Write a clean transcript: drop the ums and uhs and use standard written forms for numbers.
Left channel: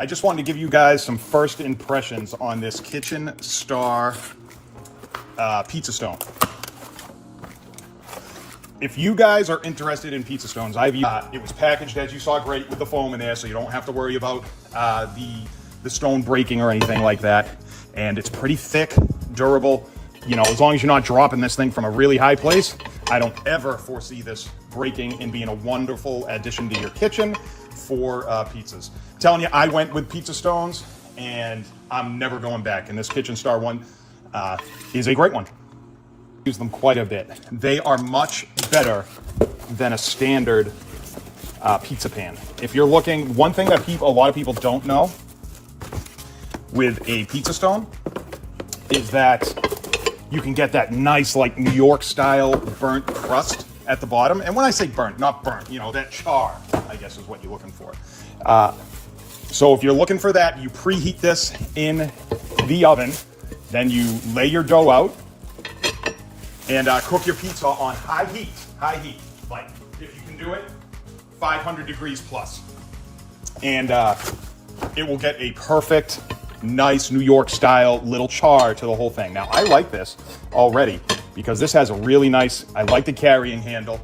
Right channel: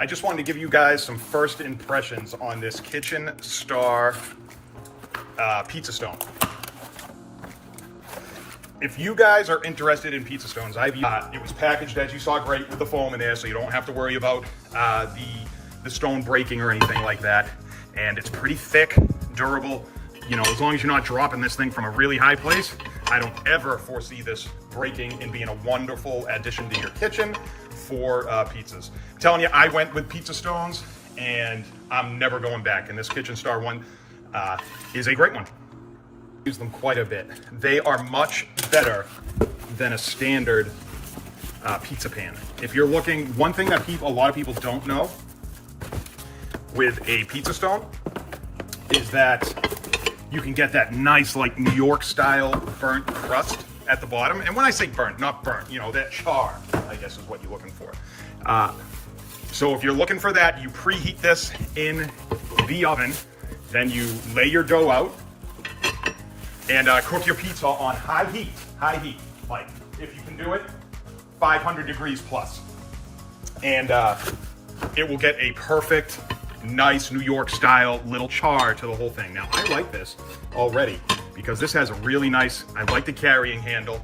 I just wanted to give you guys some first impressions on this KitchenStar pizza stone. If you guys are interested in pizza stones, it was packaged, as you saw, great with the foam in there, so you don't have to worry about the stone breaking or anything like that. And it's pretty thick, durable. You know, as long as you're not dropping this thing from a really high place, I don't ever foresee this breaking and being a wonderful addition to your kitchen for pizzas. I'm telling you, I went with pizza stones, and I'm never going back. And this KitchenStar one is a great one. Use them quite a bit. They are much better than a standard pizza pan. If you're looking, one thing that a lot of people don't know with a pizza stone is that you can get that nice, like, New York style burnt crust at the bottom. And when I say burnt, not burnt, you know, that char, I guess, is what you're looking for. So if you're looking for that, you preheat this in the oven, then you lay your dough out and cook your pizza on high heat, like, if you can do it, 500 degrees plus. And it will get a perfect, nice New York style little char to the whole thing. Now, I like this already because this has a really nice, I like the carrying handle.